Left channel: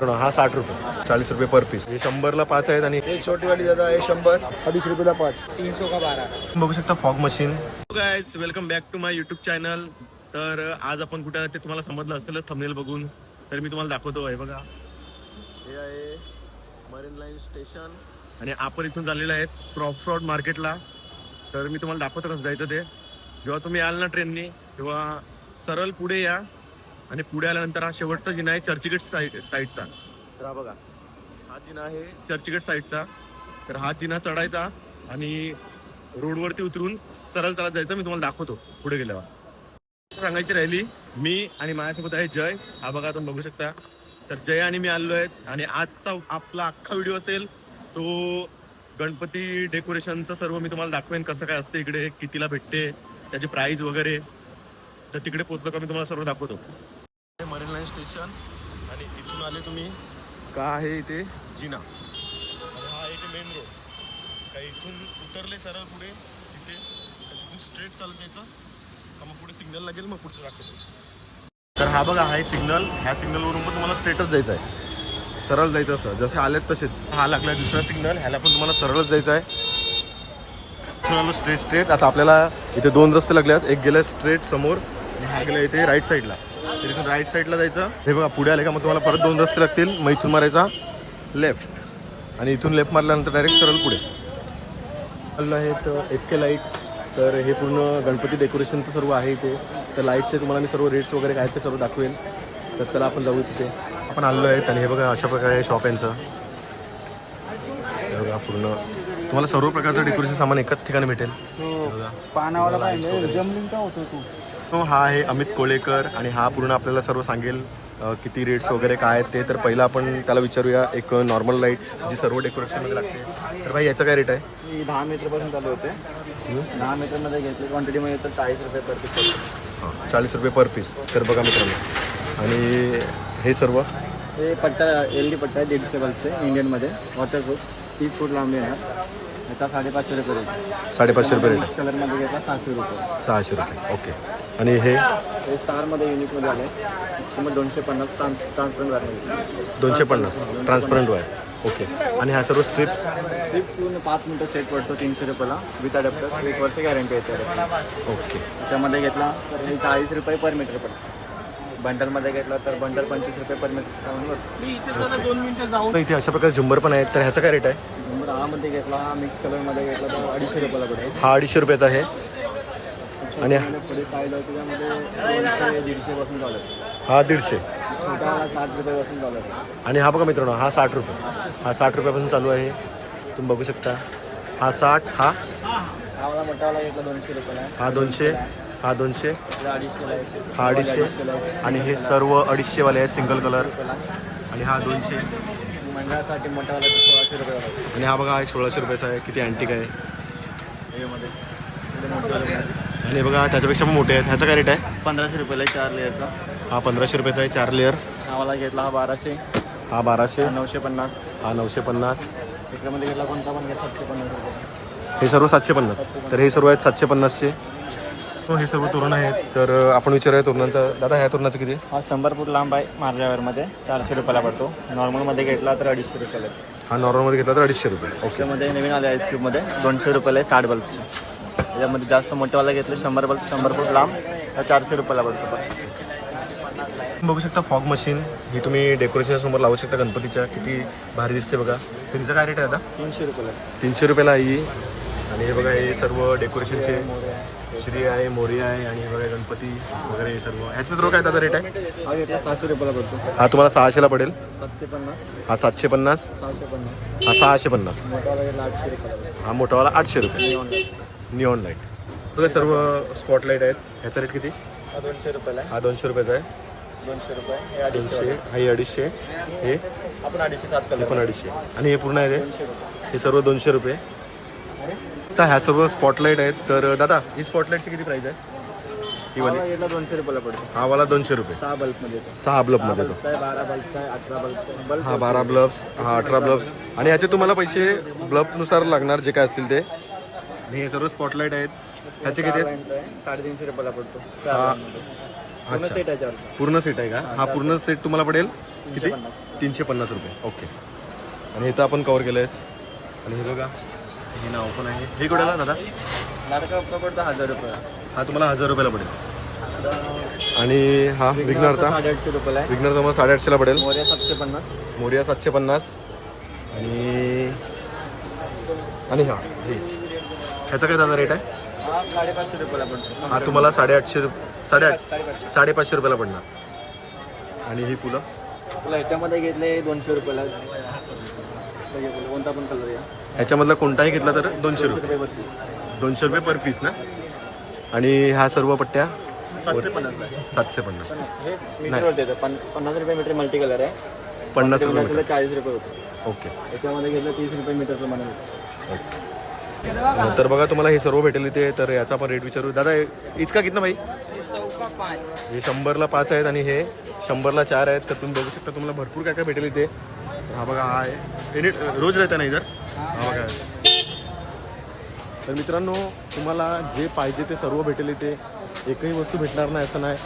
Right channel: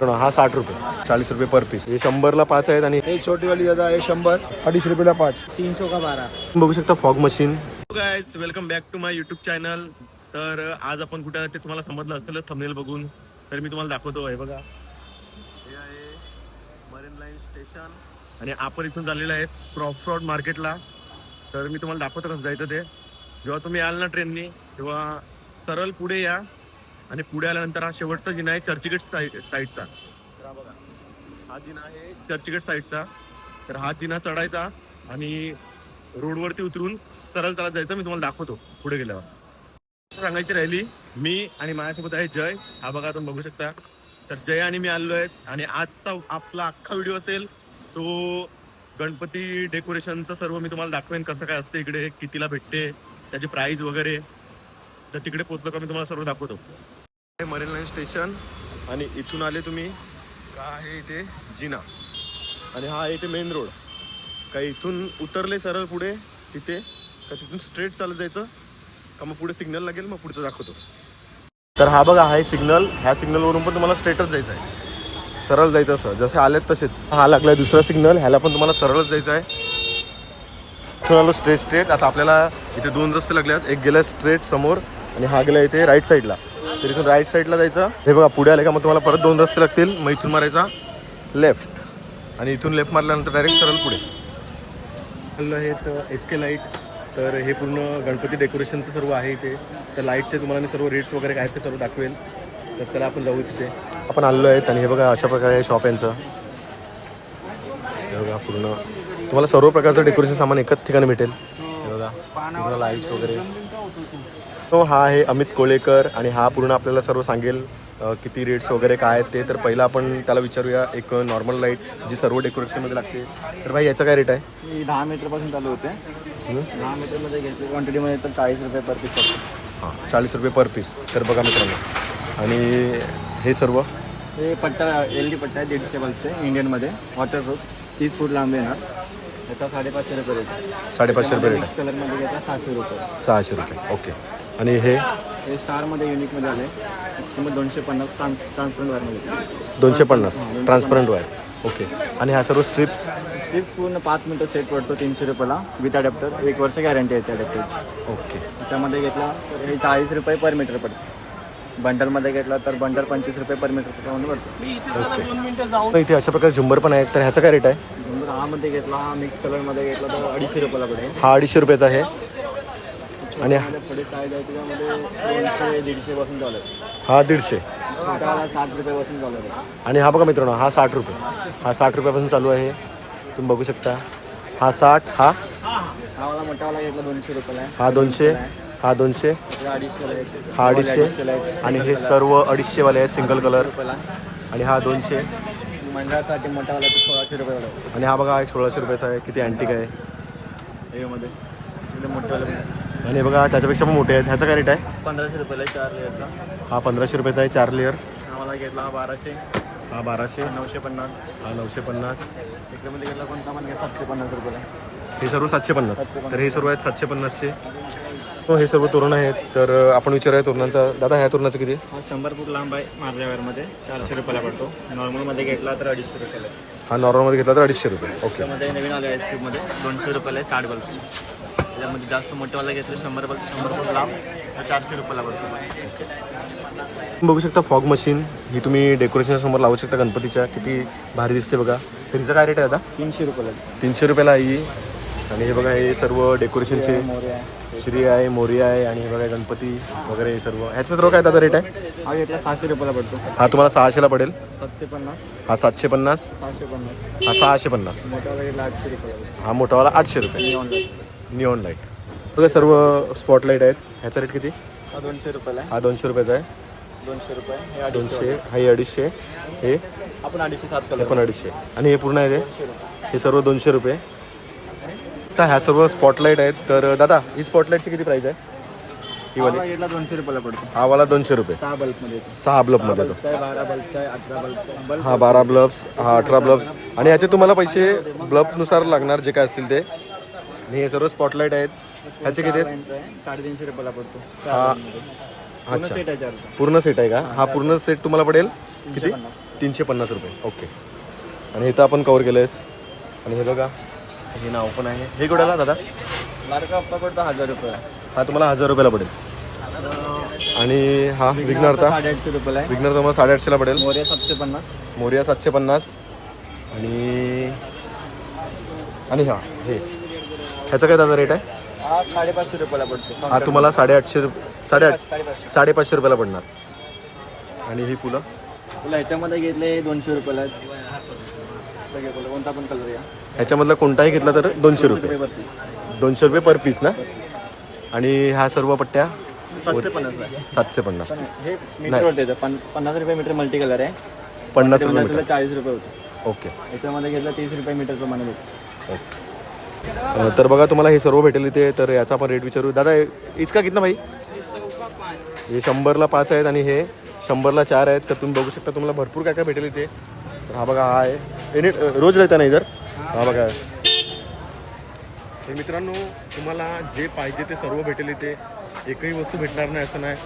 पण हा साठ रुपये. चाळीस रुपये पर पीस हे शंभरला पाच आहेत आणि हे छोटी वाली दादा हे शंभर. अडीच रुपयाला पाच. तीन सौ का बारा? बघू शकता fog machine guys welcome back to my YouTube channel तर आज आपण कुठे ते तुम्हाला समजलं असेलच थंबनेल बघून. तर मी तुम्हाला दाखवतो आहे बघा. हे आहे मरीन लाईन स्टेशन आणि आपण इथून चाललेलं आहे क्रॉफरॉड मार्केटला तर मी तुम्हाला दाखवतो कसं जायचं ते. जेव्हा तुम्ही याल ना ट्रेननी तेव्हा सरळ पुढे या. आणि पुढे आल्यानंतर हा शेवटचा जिना आहे चर्चगेट साईड साईडचा. तर हा बघा हा जिना आहे. चर्चगेट साईडचा. तर हा जिना चढायचा आणि रोडवरती उतरून सरळ चालत जायचं. मी तुम्हाला दाखवतो पुढे गेल्यावर. सांगायची राहिली मी आणि माझ्यासोबत आहे जय. हा बघा तुम्ही बघू शकता. तर जय आणि मी आलो आहेत आणि आजचा आपला अख्खा व्हिडिओ असेल तो गणपती डेकोरेशनचं सर्व मी तुम्हाला दाखवेन. कसं काय असतं इकडे कितीला भेटते त्याची प्राइस वगैरे. तर तिकडे पोहोचलो का मी तुम्हाला सर्व दाखवतो. हे मरीन लाईन स्टेशन आणि इथून आले तुम्ही. का आहे इथे? जिना. आणि हा आहे इथे मेन रोड. का इथून उतरले सरळ पुढे तिथे का तिथून स्ट्रेट चालत जायचं? का मग पुढे सिग्नल लागेल मग पुढचं दाखवतो. तर हा बघा हा सिग्नल ह्या सिग्नलवरून पण तुम्हाला स्ट्रेटच जायचं आहे. सरळ जायचं असं. जसे आलेत तसेच. हा लागलाय दुसरा सिग्नल ह्याला पण तुम्हाला सरळच जायचं आहे. इथून आलो स्ट्रेट स्ट्रेट आता आपल्याला इथे दोन रस्ते लागले आहेत एक गेला स्ट्रेट समोर आणि हा गेला इथे राईट साईडला तर इथून राईट साईडला जायचं. हे बघा पुढे आले का मग तुम्हाला परत दोन रस्ते लागतील. मग इथून मारायचा. लेफ्ट आणि इथून लेफ्ट मारल्यानंतर डायरेक्ट सरळ पुढे. आलं आहेत एस के लाइट तर हे पूर्ण गणपती डेकोरेशनचं सर्व आहे इथे. तर लाईटचे तुम्हाला मी सर्व रेट्स वगैरे काय ते सर्व दाखवेल. तर चला आपण जाऊ तिथे आपण आलेलो आहेत आणि हे बघा अशा प्रकारे शॉप यांचं. हे बघा पूर्ण. तुम्हाला सर्व प्रकारचं डेकोरेशन सामान एकाच ठिकाणी भेटेल. हे बघा लाईट्स वगैरे. तो हा आहे अमित कोळेकर आणि हा पूर्ण आपल्याला सर्व सांगेल किती रेट्स वगैरे काय आहेत ते. तर पहिला आपण त्याला विचारूया एक नॉर्मल लाइट जी सर्व डेकोरेशनमध्ये लागते. तर भाई याचं काय रेट आहे? ही दहा मीटरपासून चालू होते? दहा मीटरमध्ये घेतली क्वांटिटी मध्ये तर चाळीस रुपये पर पीस हां चाळीस रुपये पर पीस तर बघा मित्रांनो. आणि हे सर्व? हे पट्टा एल डी पट्टा आहे दीडशे बल्बचे इंडियनमध्ये वॉटरप्रूफ तीस फूट लांबी येणार. त्याचा साडेपाचशे रुपये रेट साडेपाचशे रुपये रेट कलरमध्ये घेतला सहाशे रुपये. सहाशे रुपये. ओके आणि हे? हे स्टारमध्ये युनिकमध्ये आले. किंमत दोनशे पन्नास ट्रान्स ट्रान्सपरंट वाढले दोनशे पन्नास. ट्रान्सपरंट वायर ओके आणि ह्या सर्व स्ट्रिप्स स्ट्रिप्स पूर्ण पाच मिनटं सेट पडतो तीनशे रुपयाला विथ अडॅप्टर एक वर्ष गॅरंटी येते. ओके त्याच्यामध्ये घेतला तर हे चाळीस रुपये पर मीटर पडतो. बंडलमध्ये घेतला तर बंडल पंचवीस रुपये पर मीटर जाऊ. इथे अशा प्रकारे झुंबर पण आहेत. तर ह्याचा काय रेट आहे? झुंबर रामध्ये घेतला मिक्स कलरमध्ये घेतला तर अडीचशे रुपयाला पडेल हा अडीचशे रुपयाचा आहे. आणि- छोट्यावाला पुढे साईज आहे त्याच्यामध्ये दोनशे दीडशे पासून चालू आहे. हा दीडशे. छोट्यावाला साठ रुपयापासून चालू आहे. आणि हा बघा मित्रांनो हा साठ रुपये. हा साठ रुपयापासून चालू आहे. तुम्ही बघू शकता. हा साठ हा? नावाला मोठ्यावाला घेतला दोनशे रुपयाला. हा दोनशे हा दोनशे हे अडीचशेला आहे. हा अडीचशे. आणि हे सर्व अडीचशेवाले आहेत सिंगल कलर रुपयाला आणि हा दोनशे. सोळाशे रुपयाला आहे. आणि हा बघा हा एक सोळाशे रुपयाचा आहे. किती अँटिक आहे. हे मध्ये. थोडी मोठीवाला पण आहे. आणि बघा ह्याच्यापेक्षा पण मोठे आहेत. ह्याचा काय रेट आहे? पंधराशे रुपयाला आहे चार लेअरचा हा पंधराशे रुपयाचा आहे चार लेअर नावाला घेतला हा बाराशे. हा बाराशे. नऊशे पन्नास. हा नऊशे पन्नास. इकडे घेतला कोणता पण घ्या सातशे पन्नास रुपये. हे सर्व सातशे पन्नास. तर हे सर्व आहेत सातशे पन्नासचे. हो हे सर्व तोरण आहेत. तर आपण विचारूया तोरणांचा. दादा ह्या तोरणाचं किती आहे? हा शंभर फूट लांब आहे मार्जावरमध्ये चारशे रुपयाला पडतो. नॉर्मलमध्ये घेतला तर अडीचशे रुपयाला. आहे. हा नॉर्मलमध्ये घेतला तर अडीचशे रुपये. ओके. नवीन आले आईस्क्रीममध्ये दोनशे रुपयाला आहे साठ बल्बचे यामध्ये जास्त मोठेवाला घेतलं शंभर बल्ब शंभर फूट लांब तर चारशे रुपयाला पडतो तुम्ही बघू शकता फॉग मशीन ही तुम्ही डेकोरेशन समोर लावू शकता गणपतीच्या. किती भारी दिसते बघा. तर हिचा काय रेट आहे आता तीनशे रुपयाला. तीनशे रुपयाला आहे आणि हे बघा हे सर्व डेकोरेशनचे. श्री आहे मोरी आहे आणि हे बघा गणपती वगैरे हे सर्व. ह्याचं सर्व काय दादा रेट आहे? हा सहाशे रुपयाला पडतो. हा तुम्हाला सहाशेला पडेल. सातशे पन्नास. हा सातशे पन्नास. सहाशे पन्नास. हा सहाशे पन्नास. मोठावाला आठशे रुपयाला. हा मोठावाला आठशे रुपये. निऑन लाइट बघा सर्व स्पॉटलाईट आहेत. ह्याचा रेट किती? दोनशे रुपयाला हा दोनशे रुपयाचा आहे. दोनशे रुपये. दोनशे हा हे अडीचशे. हे? आपण अडीचशे सात हे पण अडीचशे. आणि हे पूर्ण आहे ते? हे सर्व दोनशे रुपये. तर ह्या सर्व स्पॉटलाईट आहेत. तर दादा ही स्पॉटलाईटची किती प्राइस आहे? ही वाली? दोनशे रुपयाला पडतो. हा वाला दोनशे रुपये. सहा बल्बमध्ये सहा ब्लबमध्ये तो बारा बल्बचा अठरा बल्ब हा बारा ब्लब्स हा अठरा ब्लब्स आणि ह्याचे तुम्हाला पैसे ब्लबनुसार लागणार जे काय असतील ते. आणि हे सर्व स्पॉटलाईट आहेत. ह्याचे किती आहेत? साडेतीनशे रुपयाला पडतो. हा. अच्छा. सेट आहे चारशे. पूर्ण सेट आहे का? हा पूर्ण सेट तुम्हाला पडेल? किती. तीनशे पन्नास रुपये. ओके आणि हे तर आपण कवर केलं आहेच आणि हे बघा. हे नाव पण आहे. हे कुठेला दादा? नाटका हप्ता पडतो हजार रुपये हा तुम्हाला हजार रुपयाला पडेल. आणि हा विघ्नहर्ता. साडेआठशे रुपयाला आहे. विघ्नहर्ता तुम्हाला साडेआठशेला पडेल. मोर्या सातशे पन्नास. मोरिया सातशे पन्नास. आणि आणि हा हे. ह्याचा काय दादा रेट आहे? हा साडेपाचशे रुपयाला पडतो हा तुम्हाला साडेआठशे रुप साडेआठ साडेपाचशे रुपयाला पडणार. आणि ही फुलं? तुला ह्याच्यामध्ये घेतले दोनशे रुपयाला. हे फुलं, कोणता पण कलर या. ह्याच्यामधला कोणताही घेतला तर दोनशे रुपये. बत्तीस दोनशे रुपये पर पीस ना? आणि ह्या सर्व पट्ट्या? सातशे पन्नासला आहे. सातशे पन्नास. हे नाही. मीटर होते पन पन्नास रुपये मीटर मल्टी कलर आहे. पन्नास रुपये मीटर. चाळीस रुपये होते. ओके. याच्यामध्ये घेतलं तीस रुपये मीटर प्रमाणे ओके. तर बघा तुम्हाला हे सर्व भेटेल इथे तर याचा आपण रेट विचारू. दादा इचका कितना भाई? हे शंभरला पाच आहेत आणि हे शंभरला चार आहेत. तर तुम्ही बघू शकता तुम्हाला भरपूर काय काय भेटेल इथे. तर हा बघा हा आहे. एनी रोज राहता नाही इधर? हा बघा. तर मित्रांनो तुम्हाला जे पाहिजे ते सर्व भेटेल इथे. एकही वस्तू भेटणार नाही असं नाही.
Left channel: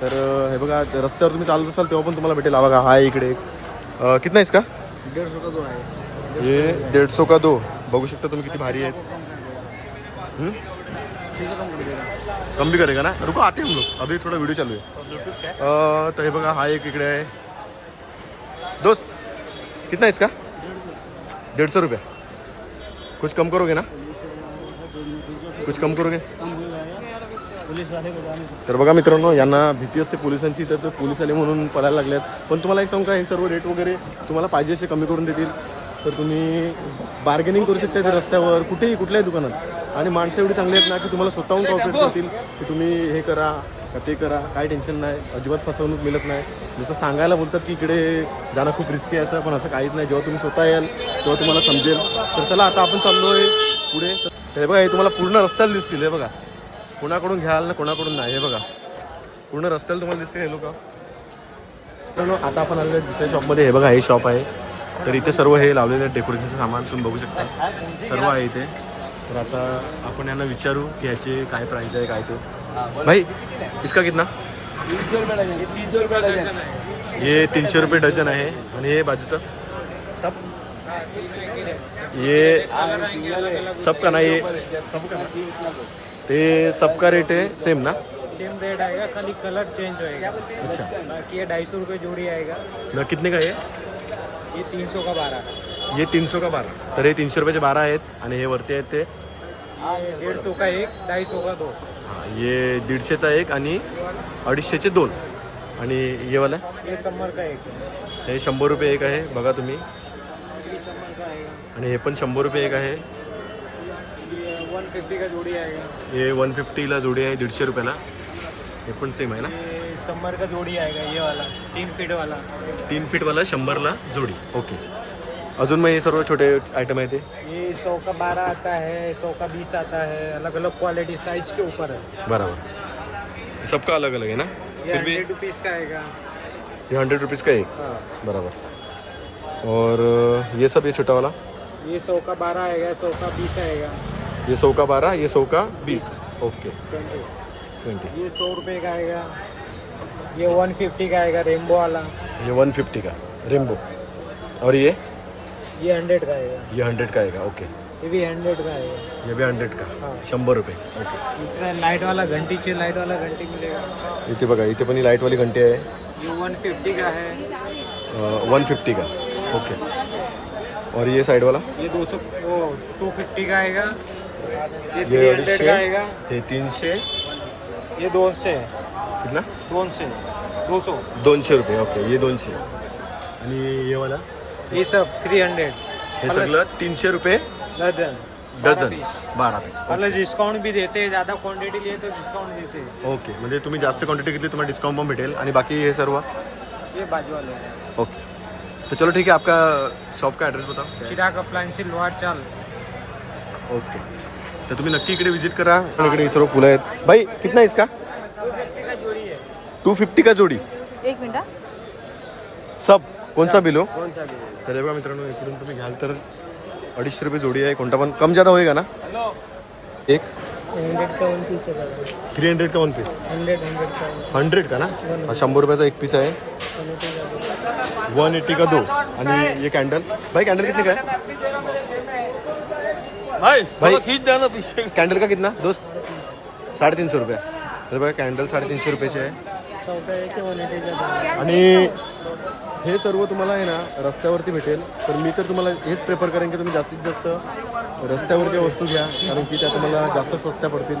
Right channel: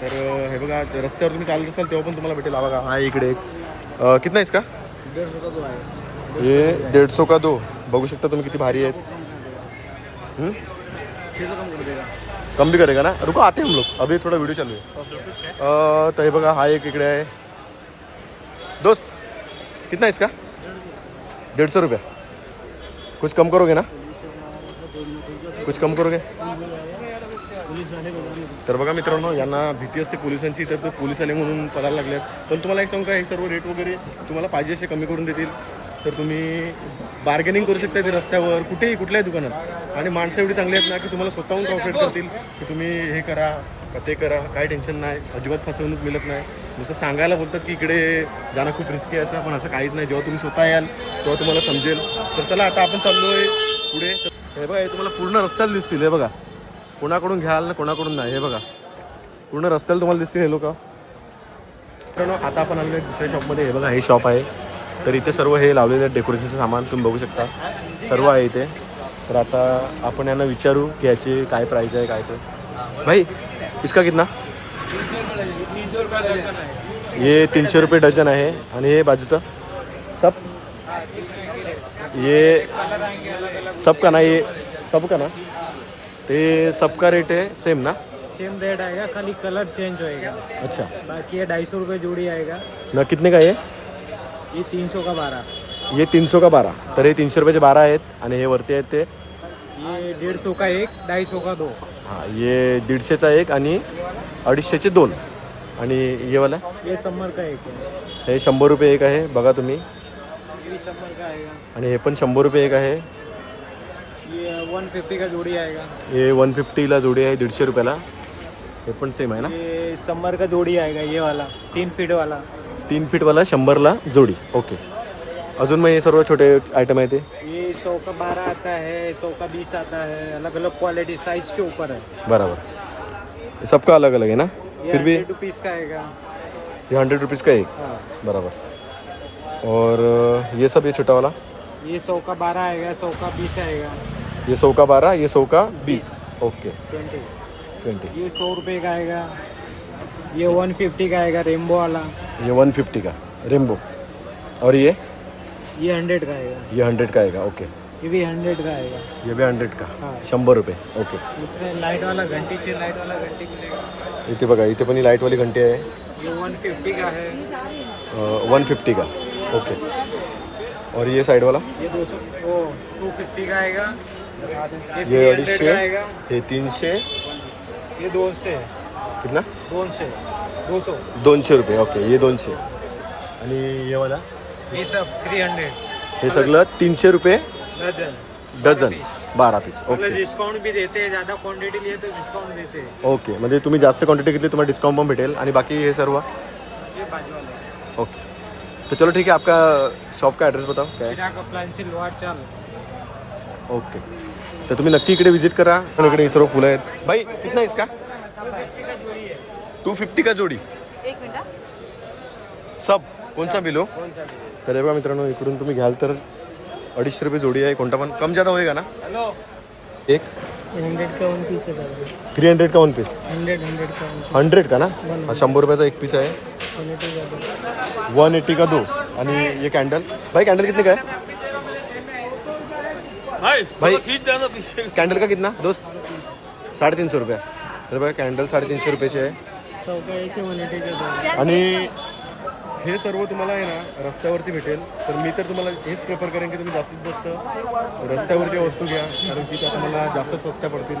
तर हे बघा रस्त्यावर तुम्ही चालत असाल तेव्हा पण तुम्हाला भेटेल. हा बघा हा इकडे एक. कितना आहेस का दीड रुपये आहे. ये डेढ़ का दो? बघू शकता तुम्ही किती भारी आहेत. कम भी करेगा ना? रुको आते हम लोग. अभी थोड़ा व्हिडिओ चालू आहे. तर हे बघा हा एक इकडे आहे. दोस्त कितना है इसका? डेढ़ सौ रुपया. कुछ कम करोगे ना? कुछ कम करोगे? तर बघा मित्रांनो यांना भीती असते पोलिसांची तर ते पोलीस आले म्हणून पळायला लागल्यात. पण तुम्हाला एक सांगू का हे सर्व रेट वगैरे तुम्हाला पाहिजे असे कमी करून देतील. तर तुम्ही बार्गेनिंग करू शकता ते रस्त्यावर कुठेही कुठल्याही दुकानात. आणि माणसं एवढी चांगली आहेत ना की तुम्हाला स्वतःहून कॉपरेट करतील की तुम्ही हे करा का ते करा काय टेन्शन नाही अजिबात फसवणूक मिळत नाही. जसं सांगायला बोलतात की इकडे जाणं खूप रिस्की आहे असं पण असं काहीच नाही. जेव्हा तुम्ही स्वतः याल तेव्हा तुम्हाला समजेल. तर चला आता आपण चाललोय पुढे. तर हे बघा हे तुम्हाला पूर्ण रस्त्याला दिसतील हे बघा. कोणाकडून घ्याल ना कोणाकडून नाही हे बघा. पूर्ण रस्त्याला तुम्हाला दिसतील हे लोक. आता आपण आलेलो आहे दुसऱ्या शॉपमध्ये हे बघा हे शॉप आहे. तर इथे सर्व हे लावलेलं आहे डेकोरेशनचं सामान तुम्ही बघू शकता. सर्व आहे इथे. तर आता आपण यांना विचारू की याची काय प्राईस आहे काय ते. भाई इसका कितना? ये तीनशे रुपये डझन आहे. आणि हे बाजूचं? सब? ये सब का ना ये? सब का ना? ते सबका रेट है सेम ना? सेम रेट आएगा खाली कलर चेंज होएगा। अच्छा। बाकी ये ढाई सौ रुपये जोड़ी आएगा। ना कितने का ये? ये तीन सौ का बारह। ये तीनशे का बारा तर हे तीनशे रुपयाचे बारा आहेत आणि हे वरती आहेत ते ये डेढ़ सौ का एक ढाई सौ का दो। हां ये दीडशेचा एक आणि अडीचशेचे दोन. आणि ये वाला? ये समर का एक है हे शंभर रुपये एक आहे बघा तुम्ही. ये समर का आएगा आणि हे पण शंभर रुपये एक आहे. ये वन फिफ्टी का जोड़ी आएगा हे वन फिफ्टीला जोडी आहे दीडशे रुपयाला. हे पण सेम आहे ना? ये समर का जोड़ी आएगा ये वाला तीन फीट वाला। तीन फीटवाला शंभरला जोडी. ओके अजून मग हे सर्व छोटे आयटम आहे ते? ये सौ का बारह आता है सौ का बीस आता है अलग अलग क्वालिटी साइज़ के ऊपर है बराबर. सबका अलग अलग है ना? ये फिर भी हंड्रेड रुपीज़ का आएगा ये हंड्रेड रुपीज़ का एक? हाँ। बराबर. और ये सब ये छोटा वाला? ये सौ का? बारह आएगा सौ का? बीस आएगा ये सौ का बारह ये सौ का बीस ओके ट्वेंटी ट्वेंटी ये सौ रुपये का आएगा ये वन फिफ्टी का आएगा रेमबो वाला। ये वन फिफ्टी का। रेम्बो और ये? ये हंड्रेड का आएगा। ये हंड्रेड का आएगा ओके ये भी हंड्रेड का आएगा। ये भी हंड्रेड का। शंभर रुपये ओके दूसरा लाइट वाला घंटी चाहिए लाइट वाला घंटी मिलेगा। इथे बघा इथे पण ही लाईटवाली घंटी आहे। ये वन फिफ्टी का है। वन फिफ्टी का ओके और ये साइड वाला? ये दो सौ टू फिफ्टी का आएगा। ये 300 अडीचशे का आएगा। हे तीनशे ये दो से। कितना? दो से दो सौ दोनशे रुपये ओके ये दोनशे. आणि ये वाला? ये सब थ्री हंड्रेड हे सगळं तीनशे रुपये? दर्जन डझन. बारा पीस ओके डिस्काउंट भी देते हैं ज़्यादा क्वांटिटी लिए तो डिस्काउंट देते. हैं ओके म्हणजे तुम्ही जास्त क्वांटिटी घेतली तुम्हाला डिस्काउंट पण भेटेल. आणि बाकी हे सर्व? ये बाजू वाले हैं ओके तो चलो ठीक है आपका शॉप का एड्रेस बताओ क्या है? चिराग अप्लायन्स लोहार चाल. ओके तर तुम्ही नक्की इकडे विजिट करा. आणि इकडे हे सर्व फुलं आहेत. भाई कितना है इसका? टू फिफ्टी का जोडी? एक मिनिट हा. सब? कोणसा बिलो? तर हे बघा मित्रांनो इकडून तुम्ही घ्याल तर अडीचशे रुपये जोडी आहे. कोणता पण? कम जादा होईल का ना एक. हंड्रेड का वन पीस होगा थ्री हंड्रेड का वन पीस? हंड्रेड हंड्रेड का वन हंड्रेड का ना? हा शंभर रुपयाचा एक पीस आहे. का वन एट्टी का दो. आणि ये कॅन्डल? भाई कॅन्डल कितने का है भाई कॅन्डल का कितना? दोस्त साडेतीनशे रुपया. तर बघा कॅन्डल साडेतीनशे रुपयाचे आहे. है आणि हे सर्व तुम्हाला आहे ना रस्त्यावरती भेटेल. तर मी तर तुम्हाला हेच प्रेफर करेन की तुम्ही जास्तीत जास्त रस्त्यावरती वस्तू घ्या कारण की त्या तुम्हाला जास्त स्वस्त्या पडतील.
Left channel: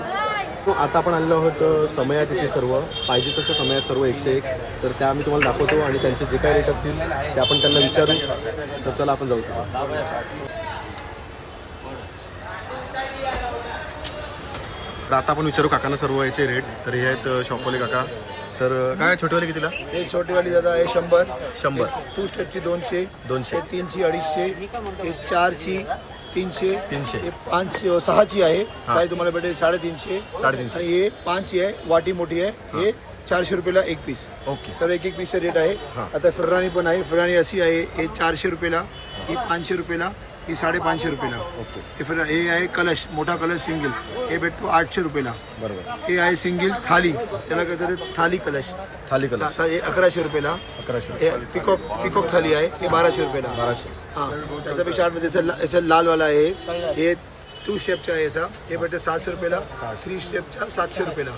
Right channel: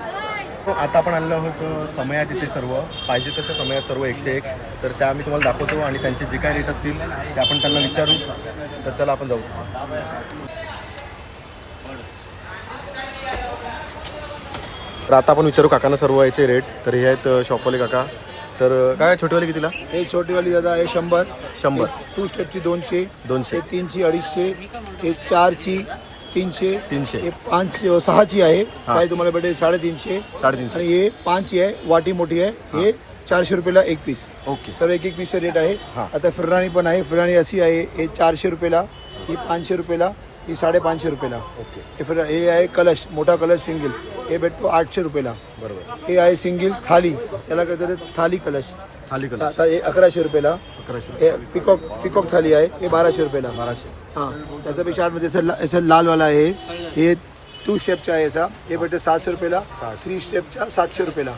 तो आता आपण आलेलो आहोत अ, समयात इथे सर्व. पाहिजे तशा समयात सर्व एकशे एक. तर त्या मी तुम्हाला दाखवतो आणि त्यांचे जे काय रेट असतील ते आपण त्यांना विचारू. तर चला आपण जाऊ. तर आता आपण विचारू काकांना सर्व याचे रेट तर हे आहेत शॉपवाले काका. तर काय छोटेवाले कितीला? हे छोटीवाली दादा आहे शंभर. शंभर. टू स्टेपची दोनशे. दोनशे. हे तीनशे अडीचशे. हे चारची तीनशे. तीनशे. हे पाच सहाची आहे. साई तुम्हाला भेटेल साडेतीनशे. साडेतीनशे. आणि हे पाचची आहे. वाटी मोठी आहे. हे. चारशे रुपयाला एक पीस ओके. सर्व एक एक पीसचा रेट आहे. हा. आता फुलराणी पण आहे. फुलराणी अशी आहे. हे चारशे रुपयाला ही पाचशे रुपयाला ही साडेपाचशे रुपयाला. ओके. हे हे आहे कलश. मोठा कलश सिंगल. हे भेटतो आठशे रुपयाला. बरोबर. हे आहे सिंगल थाली. त्याला काय म्हणतात थाली कलश. थाली कलर आता हे अकराशे रुपयाला. अकराशे हे पिकॉक पिकॉक थाली आहे. हे बाराशे रुपयाला. बाराशे. हां त्याच्यापेक्षा आतमध्ये असं ला- लालवाला आहे. हे टू स्टेपचा आहे असा हे भेटते सहाशे रुपयाला. थ्री स्टेपचा सातशे रुपयाला.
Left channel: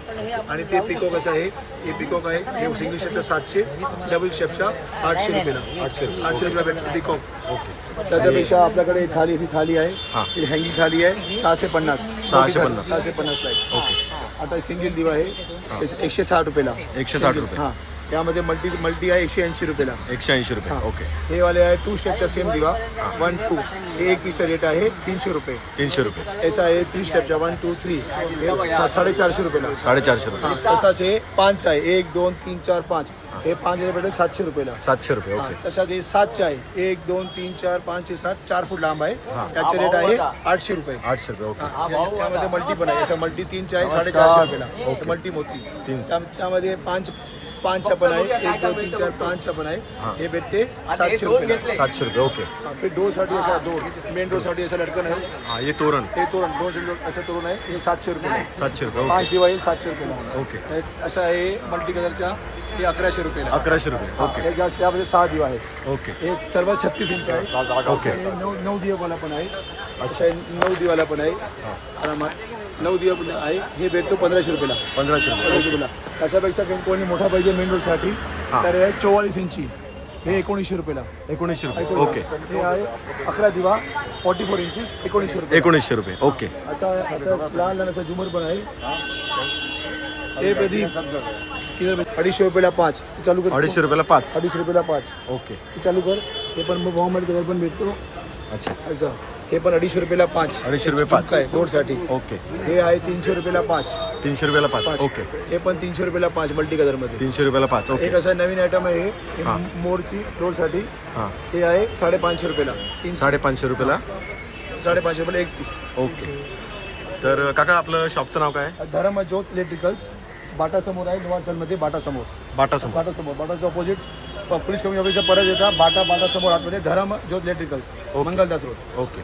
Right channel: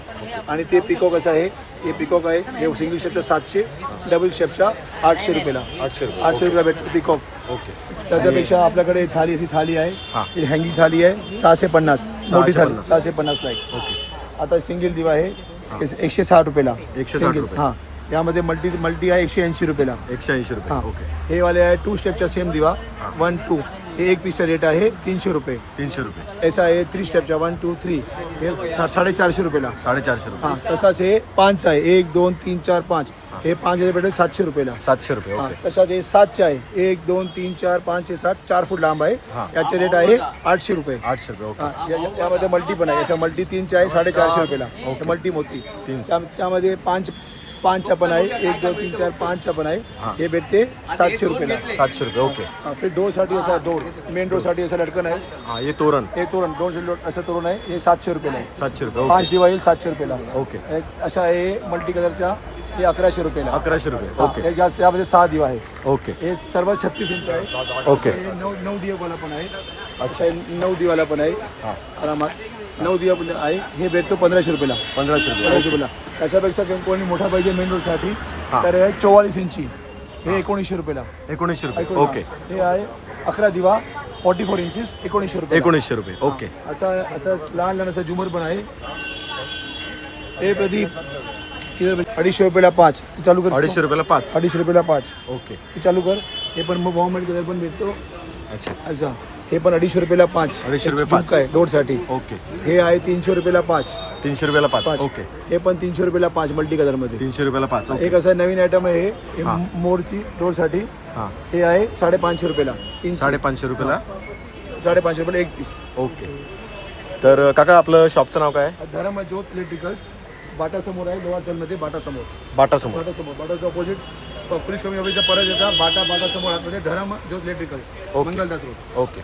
आणि ते पिकॉक असं आहे. हे पिकॉक आहे. हे सिंगल स्टेपचा सातशे डबल स्टेपचा आठशे रुपयाला. आठशे रुपये. आठशे रुपयाला भेटते पिकॉक ओके. त्याच्यापेक्षा आपल्याकडे थाली अशी थाली. आहे. ही. हँगिंग थाली आहे. सहाशे पन्नास. सहाशे पन्नास. सहाशे पन्नास आहे ओके. आता सिंगल दिवा आहे. एकशे साठ रुपयाला. एकशे साठ रुपये. हां. यामध्ये मल्टी मल्टी आहे एकशे ऐंशी रुपयाला. एकशे ऐंशी रुपये. ओके. हे वाले आहे टू स्टेपचा सेम दिवा. वन टू हे एक पीसचा रेट आहे तीनशे रुपये. तीनशे रुपये. ऐसा आहे थ्री स्टेपचा वन टू थ्री हे सा- साडेचारशे रुपयाला. साडेचारशे रुपये. तसाच हे पाच आहे. एक दोन तीन चार पाच. हे. पाच भेटेल सातशे रुपयाला. सातशे रुपये. हा, ओके. तसाच हे सातचे आहे. एक दोन तीन चार पाच हे सात चार फूट लांब आहे. हा. याचे रेट आहे आठशे रुपये. आठशे रुपये. ओके. हा, या- यामध्ये मल्टी पण आहे. असं मल्टी तीनचे आहे साडेचारशे रुपयाला. ओके. मल्टी मोठी. तीन. त्या- त्यामध्ये पाच पाचचा पण आहे एक दोन तीन चार पाचचा पण आहे हे. भेटते सातशे रुपयाला सातशे रुपये ओके. आपली डोसाठी असा डो मेन डोसाठी असं लटकन आहे. हा हे तोरण. हे तोरण दोन जिल्हे असं तोरण आहे हे सातशे रुपयाला सातशे रुपये पाच ओके दिवाळी सातशे रुपयाला ओके. असं आहे मल्टी कलरचा हे अकराशे रुपयाला अकराशे रुपये ओके. हे जास्त यामध्ये सहा दिवा आहे ओके. हे सर्व छत्तीस इंच आहे. ओके. हे नऊ नऊ दिवाला पण आहे. अच्छा. हे नऊ दिवाला पण आहे. आरामात नऊ दिवा पण आहे. हे भेटतो पंधराशे रुपयाला. पंधराशे रुपये रुपयाला. त्याच्यापेक्षा कोणी मोठा पाहिजे मेन रोडसाठी हा. तर हे चोवाळीस इंची. हे एकोणीसशे रुपयाला. एकोणीसशे रुपये ओके. हे आहे अकरा दिवा फोर्टी फोर इंचीस एकोणीसशे रुपये. एकोणीसशे रुपये ओके. असं असं लहान लहान असं झुमर पण आहे. हे ते अडीचशे रुपयाला पाच. हे चालू कर. अडीचशे रुपयाला पाच. अडीचशे रुपयाला पाच. ओके. हे चालू कर. हे पण मग बॉम्बेड कलर पण भेटतो. अच्छा. असं. हे पण अडीचशे रुपयाला पाच. अडीचशे रुपये पाच. आहे डोरसाठी ओके. हे आहे तीनशे रुपयाला पाच. तीनशे रुपयाला पाच. ओके. हे पण तीनशे रुपयाला पाच मल्टी कलरमध्ये तीनशे रुपयाला पाच. एक ओके असं नवीन आयटम आहे हे. हे हा. मोरची डोरसाठी हां. हे आहे साडेपाचशे रुपयाला. तीनशे. साडेपाचशे रुपयाला? साडेपाचशे रुपयाला एक पीस ओके. तर काका आपलं शॉपचं नाव काय? आहे धर्म ज्योत इलेक्ट्रिकल्स बाटा समोर आहे बाटा समोर बाटा समोर बाटा समोर बाटाच्या ऑपोजिट पोलीस कमी ऑफिसच्या परत येतात बाटा बाटा समोर आतमध्ये Dharam Jyot electricals okay. Mangaldas road. Okay.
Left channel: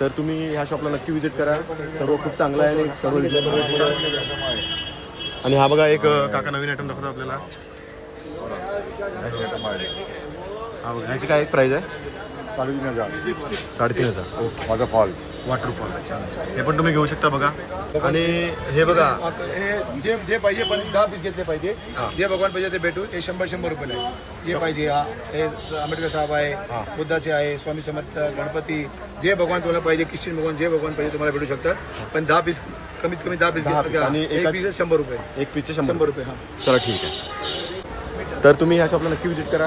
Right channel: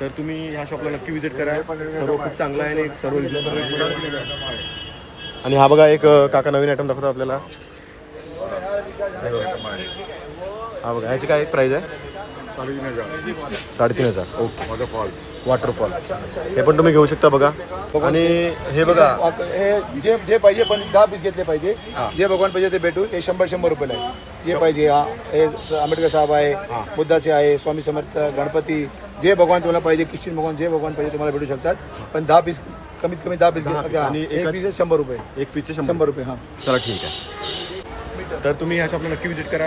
तर तुम्ही ह्या शॉपला नक्की विजिट करा. सर्व खूप चांगलं आहे आणि सर्व रिजनेबल आणि हा बघा एक अ, काका नवीन आयटम दाखवतो आपल्याला. हा बघा ह्याची काय प्राइस आहे? साडेतीन हजार. ओके. वॉटरफॉल वॉटरफॉल हे पण तुम्ही घेऊ शकता बघा. आणि हे बघा. हे जे जे पाहिजे पण दहा पीस घेतले पाहिजे. जे भगवान पाहिजे ते भेटू हे शंभर शंभर रुपयाला आहे जे पाहिजे हा. हे आंबेडकर साहेब आहे बुद्धाचे आहे स्वामी समर्थ गणपती जे भगवान तुम्हाला पाहिजे ख्रिश्चन भगवान जे भगवान पाहिजे तुम्हाला भेटू शकतात. पण दहा पीस कमीत कमी दहा पीस. आणि एक पीस शंभर रुपये. एक पीसचे शंभर शंभर रुपये. हा. चला ठीक आहे. तर तुम्ही ह्या शॉपला नक्की विजिट करा.